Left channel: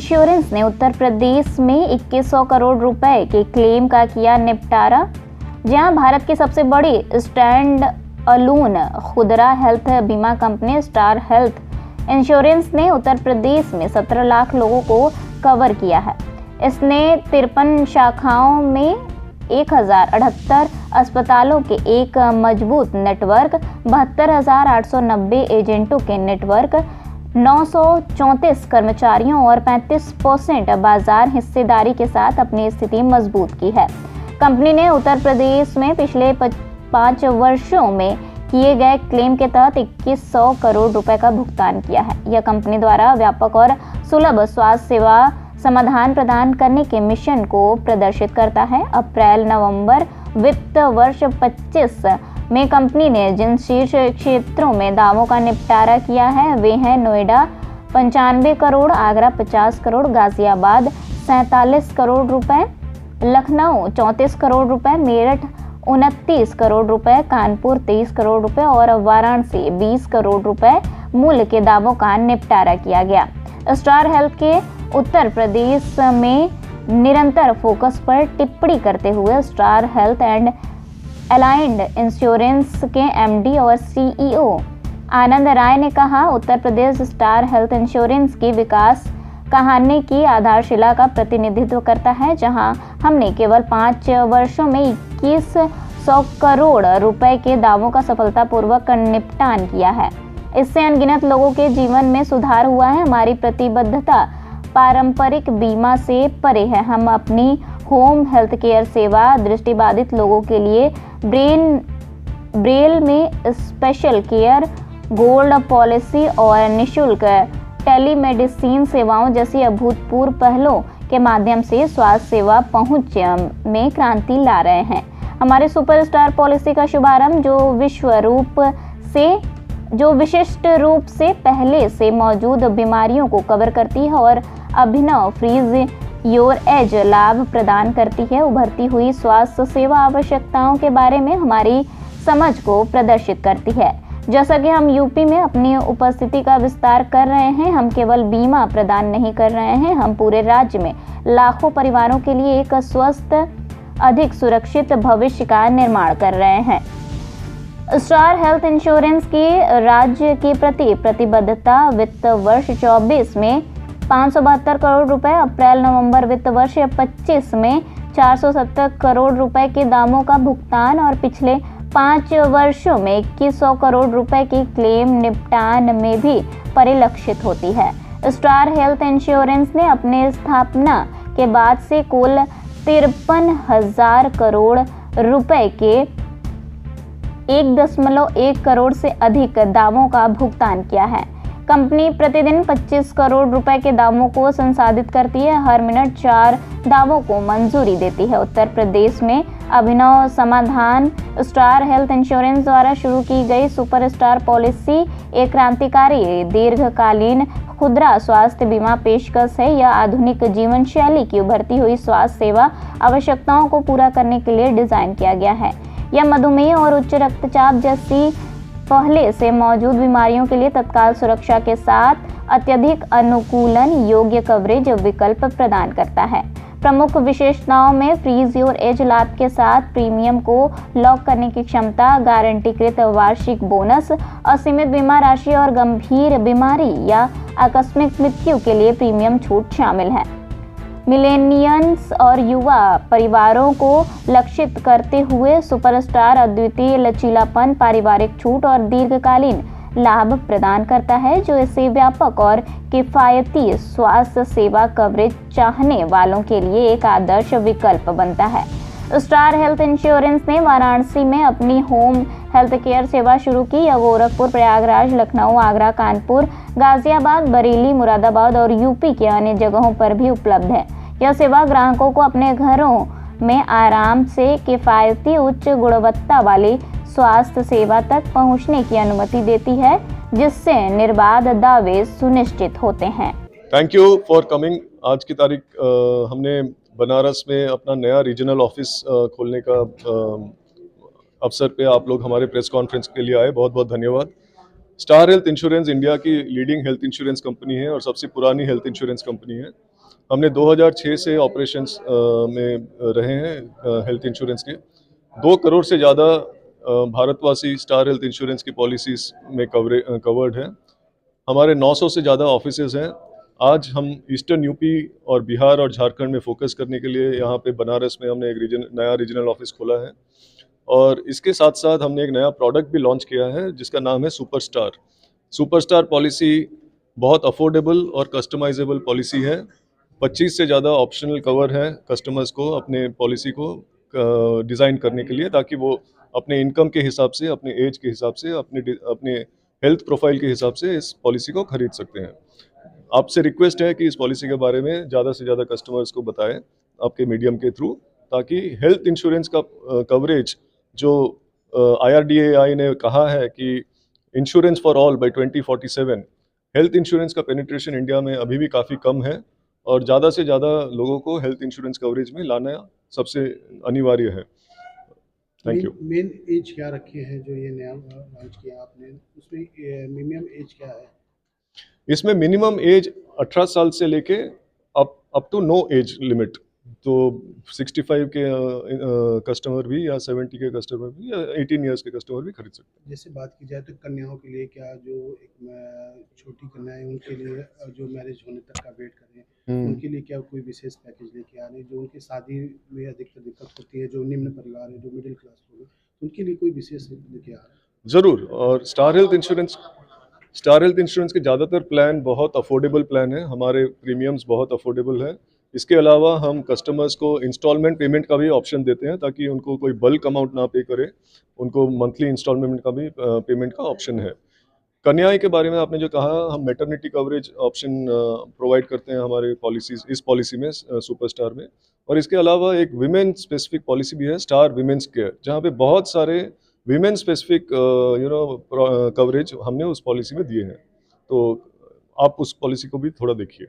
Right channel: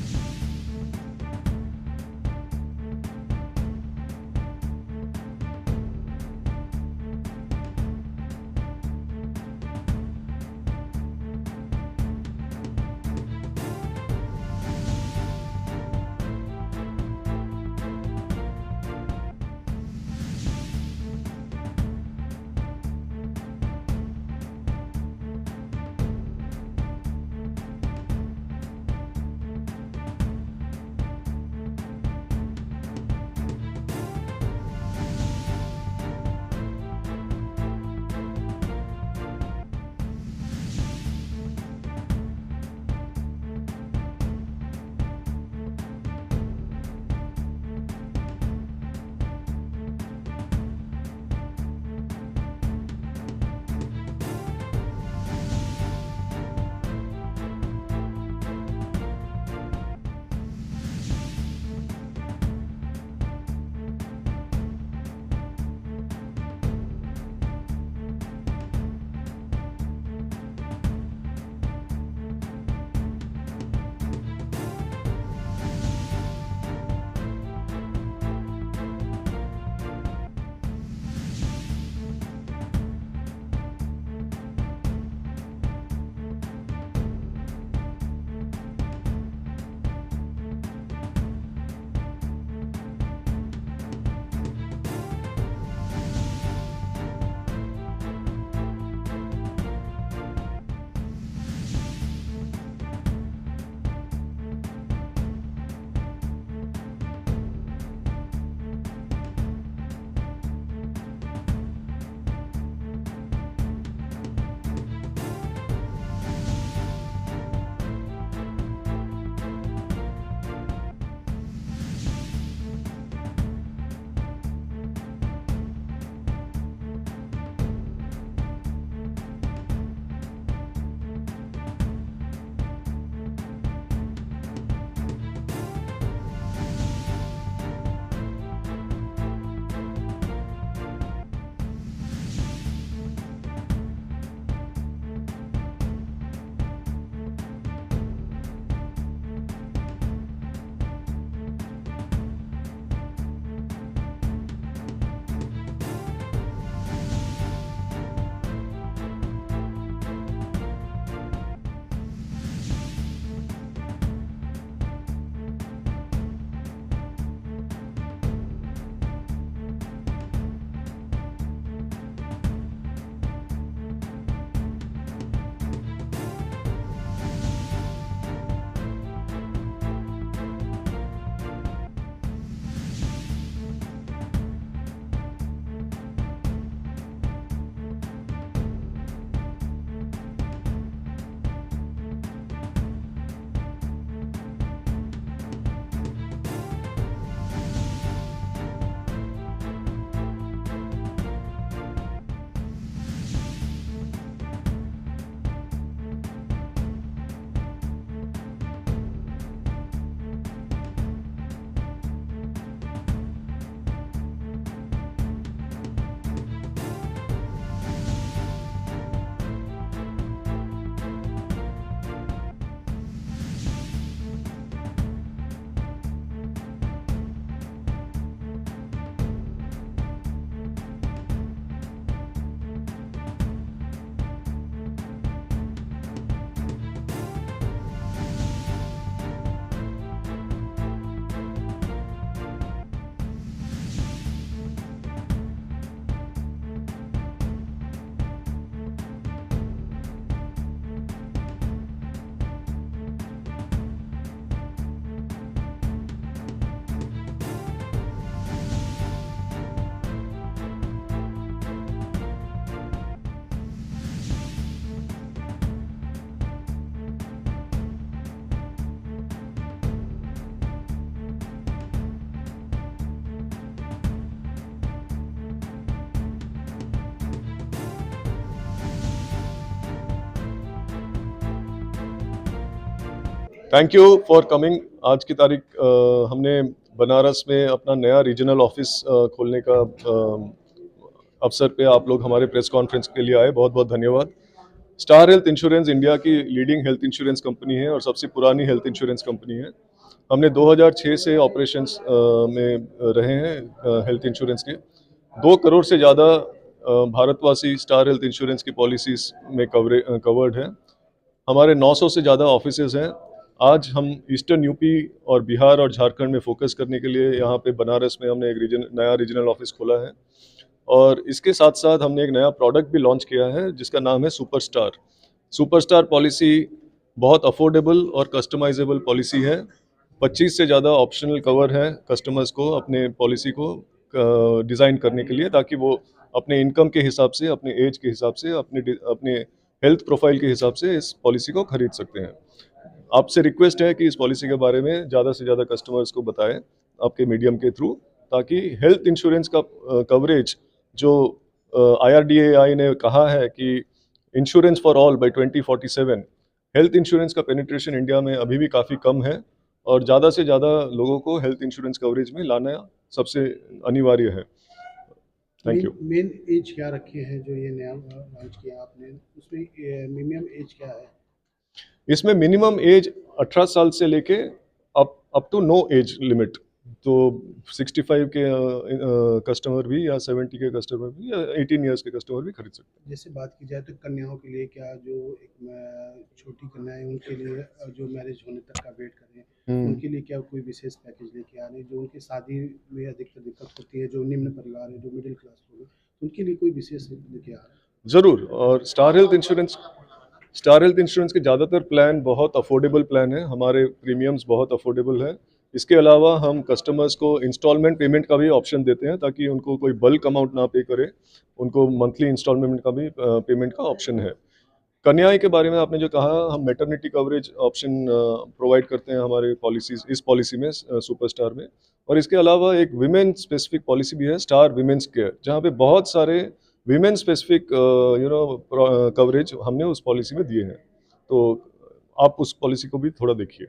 Insurance ने उत्तर प्रदेश में 2100 करोड़ रुपए के क्लेम का किया निपटारा। जहां भारत की सबसे बड़ी स्टैंड अलोन खुदरा हेल्थ बीमा कंपनी स्टार हेल्थ इंश्योरेंस ने उत्तर प्रदेश में 17 लाख लोगों को कवर किया है। इसने 53 शाखाओं में 1078 अस्पतालों के एक मजबूत नेटवर्क, 72,890 एजेंटों के नेटवर्क, 934 कर्मचारियों और 35% बाजार हिस्सेदारी के साथ अपनी स्थिति मजबूत की है। कंपनी ने उत्तर प्रदेश में पिछले 5 वर्षों में किए गए क्लेम के तहत 2100 करोड़ रुपए का भुगतान किया है। यह कंपनी द्वारा व्यापक और सुलभ स्वास्थ्य सेवा समाधान प्रदान करने के मिशन को प्रदर्शित करता है। अप्रैल-नवंबर वित्त वर्ष 25 में कंपनी ने जिन शीर्ष क्षेत्रों में दावों का निपटारा किया है वे हैं नोएडा 95 करोड़, आगरा 50 करोड़, गाजियाबाद 47 करोड़ रुपए, लखनऊ 34 करोड़ रुपए, मेरठ 29 करोड़ रुपए, कानपुर 23 करोड़ रुपए और वाराणसी 20 करोड़ रुपए मूल्य के दावों का निपटारा किया गया। स्टार हेल्थ के उत्तर प्रदेश में निरंतर फोकस पर टिप्पणी करते हुए star health and aligned insurance के एमडी और सीईओ आनंद राय ने कहा, Uttar Pradesh star health insurance की विकास कहानी की आधारशिला का प्रतिनिधित्व करता है, जहां हमने केवल 5 वर्षों में 2100 करोड़ रुपए के दावों का सफलतापूर्वक निपटान किया है। इससे अनगिनत लोगों के जीवन में सुधार हुआ है। हमारी प्रतिबद्धता पारंपरिक बीमा से परे है। हम अपनी होम हेल्थ केयर सेवा दृष्टिबाधित लोगों के लिए ब्रेल में स्पेशल केयर, गोल्ड पॉलिसी और निःशुल्क टेलीमेडिसिन सेवाओं जैसी अभूतपूर्व पहलों के माध्यम से स्वास्थ्य सेवा पहुंच में क्रांति ला रहे हैं। हमारे सुपरस्टार पॉलिसी का शुभारंभ जो विशिष्ट रूप से पहले से मौजूद बीमारियों को कवर करती है और अभिनव फ्रीज योर एज लाभ प्रदान करती है। उभरती हुई स्वास्थ्य सेवा आवश्यकताओं के बारे में हमारी समझ को प्रदर्शित करती है। जैसा कि हम यूपी में अपनी उपस्थिति का विस्तार कर रहे हैं, हम केवल बीमा प्रदान नहीं कर रहे हैं, हम पूरे राज्य में लाखों परिवारों के लिए एक स्वस्थ, अधिक सुरक्षित भविष्य का निर्माण कर रहे हैं। स्टार हेल्थ इंश्योरेंस की राज्य के प्रति प्रतिबद्धता वित्त वर्ष 24 में 572 करोड़ रुपए, अप्रैल-नवंबर वित्त वर्ष 25 में 470 करोड़ रुपए के दामों का भुगतान और पिछले 5 वर्षों में 2100 करोड़ रुपए की क्लेम निपटान में भी परिलक्षित होती है। स्टार हेल्थ इंश्योरेंस ने अपने स्थापना के बाद से कुल 53,000 करोड़ रुपए के 1.1 करोड़ से अधिक दावों का भुगतान किया है। कंपनी प्रतिदिन 25 करोड़ रुपए के दावों को संसाधित करती है, हर मिनट 4 दावों को मंजूरी देती है। उत्तर प्रदेश में अभिनव समाधान स्टार हेल्थ इंश्योरेंस द्वारा शुरू की गई सुपरस्टार पॉलिसी एक क्रांतिकारी दीर्घकालीन खुदरा स्वास्थ्य बीमा पेशकश है। यह आधुनिक जीवन शैली की उभरती हुई स्वास्थ्य सेवा आवश्यकताओं को पूरा करने के लिए डिजाइन किया गया है। यह मधुमेह और उच्च रक्तचाप जैसी पहले से मौजूद बीमारियों के लिए तत्काल सुरक्षा के साथ अत्यधिक अनुकूलन योग्य कवरेज विकल्प प्रदान करता है। प्रमुख विशेषताओं में फ्रीज योर एज लाभ के साथ प्रीमियम को लॉक करने की क्षमता, गारंटीकृत वार्षिक बोनस, असीमित बीमा राशि और गंभीर बीमारी या आकस्मिक मृत्यु के लिए प्रीमियम छूट शामिल है। मिलेनियल्स और युवा परिवारों को लक्षित करते हुए सुपरस्टार अद्वितीय लचीलापन, पारिवारिक छूट और दीर्घकालीन लाभ प्रदान करता है, जो इसे व्यापक और किफायती स्वास्थ्य सेवा कवरेज चाहने वालों के लिए एक आदर्श विकल्प बनता है। स्टार हेल्थ इंश्योरेंस ने वाराणसी में अपनी होम हेल्थ केयर सेवा शुरू की। यह गोरखपुर, प्रयागराज, लखनऊ, आगरा, कानपुर, गाजियाबाद, बरेली, मुरादाबाद और यूपी के अन्य जगहों पर भी उपलब्ध है। यह सेवा ग्राहकों को अपने घरों में आराम से किफायती उच्च गुणवत्ता वाली स्वास्थ्य सेवा तक पहुंचने की अनुमति देती है, जिससे निर्बाध दावे सुनिश्चित होते हैं। Thank you for coming. आज की तारीख हमने बनारस में अपना नया रीजनल ऑफिस खोलने का अवसर पे आप लोग हमारे प्रेस कॉन्फ्रेंस के लिए आए, बहुत बहुत धन्यवाद। स्टार हेल्थ इंश्योरेंस इंडिया की लीडिंग हेल्थ इंश्योरेंस कंपनी है और सबसे पुरानी हेल्थ इंश्योरेंस कंपनी है। हमने 2006 से ऑपरेशंस में रहे हैं हेल्थ इंश्योरेंस के। 2 करोड़ से ज़्यादा भारतवासी स्टार हेल्थ इंश्योरेंस की पॉलिसीज़ में कवर्ड हैं। हमारे 900 से ज़्यादा ऑफिसेज़ हैं। आज हम ईस्टर्न यूपी और बिहार और झारखंड में फोकस करने के लिए यहाँ पे बनारस में हमने एक नया रीजनल ऑफिस खोला है। और इसके साथ-साथ हमने एक नया प्रोडक्ट भी लॉन्च किया है जिसका नाम है सुपरस्टार। सुपरस्टार पॉलिसी बहुत अफोर्डेबल और कस्टमाइजेबल पॉलिसी है। 25 से ज़्यादा ऑप्शनल कवर है कस्टमर्स को अपने पॉलिसी को डिज़ाइन करने के लिए, ताकि वो अपने इनकम के हिसाब से, अपने एज के हिसाब से, अपने हेल्थ प्रोफाइल के हिसाब से इस पॉलिसी को खरीद सकते हैं। आपसे रिक्वेस्ट है कि इस पॉलिसी के बारे में ज़्यादा से ज़्यादा कस्टमर्स को बताएं आपके मीडियम के थ्रू, ताकि हेल्थ इंश्योरेंस का कवरेज जो IRDAI ने कहा है कि insurance for all by 2047, health insurance का पेनिट्रेशन इंडिया में अभी भी काफ़ी कम है और ज़्यादा से ज़्यादा लोगों को हेल्थ इंश्योरेंस कवरेज में लाना सबसे अनिवार्य है। Thank you. मेन एज क्या रखी है जो ये नया लॉन्च किया आपने, उसमें मिनिमम एज क्या है? इसमें मिनिमम एज 18 साल से लेके up to no age limit, तो 65 के कस्टमर भी या 70 के कस्टमर भी या 18 इयर्स के कस्टमर भी खरीद सकते हैं। जैसे बात की जाए तो कन्याओं के लिए क्या, जो एक छोटी कन्याएं उनके लिए जो मैरिज होने तक का वेट कर रहे हैं, उनके लिए क्या कोई विशेष पैकेज लेके आ रहे हैं? जो उनकी शादी में अधिकतर दिक्कत होती है, जो निम्न परिवार है, जो मिडिल क्लास लोग हैं, उनके लिए कोई विशेष लेके आ रहे हैं? ज़रूर। और स्टार हेल्थ इंश्योरेंस के ज़्यादातर प्लान बहुत अफोर्डेबल प्लान है, हमारे प्रीमियम्स बहुत अफोर्डेबल है। इसके अलावा हम कस्टमर्स को इंस्टॉलमेंट पेमेंट का भी ऑप्शन देते हैं, ताकि उनको कोई बल्क अमाउंट ना पे करे, उनको मंथली इंस्टॉलमेंट का भी पेमेंट का ऑप्शन है। कन्याएं के बारे में आपने जो कहा, हम मैटरनिटी कवरेज ऑप्शन प्रोवाइड करते हैं हमारे पॉलिसीज, इस पॉलिसी में सुपरस्टार में। और इसके अलावा एक विमेन स्पेसिफिक पॉलिसी भी है, स्टार विमेंस केयर, जहाँ पे बहुत सारे विमेन स्पेसिफिक कवरेज हमने उस पॉलिसी में दिए हैं। तो आप उस पॉलिसी को भी थोड़ा देखिए।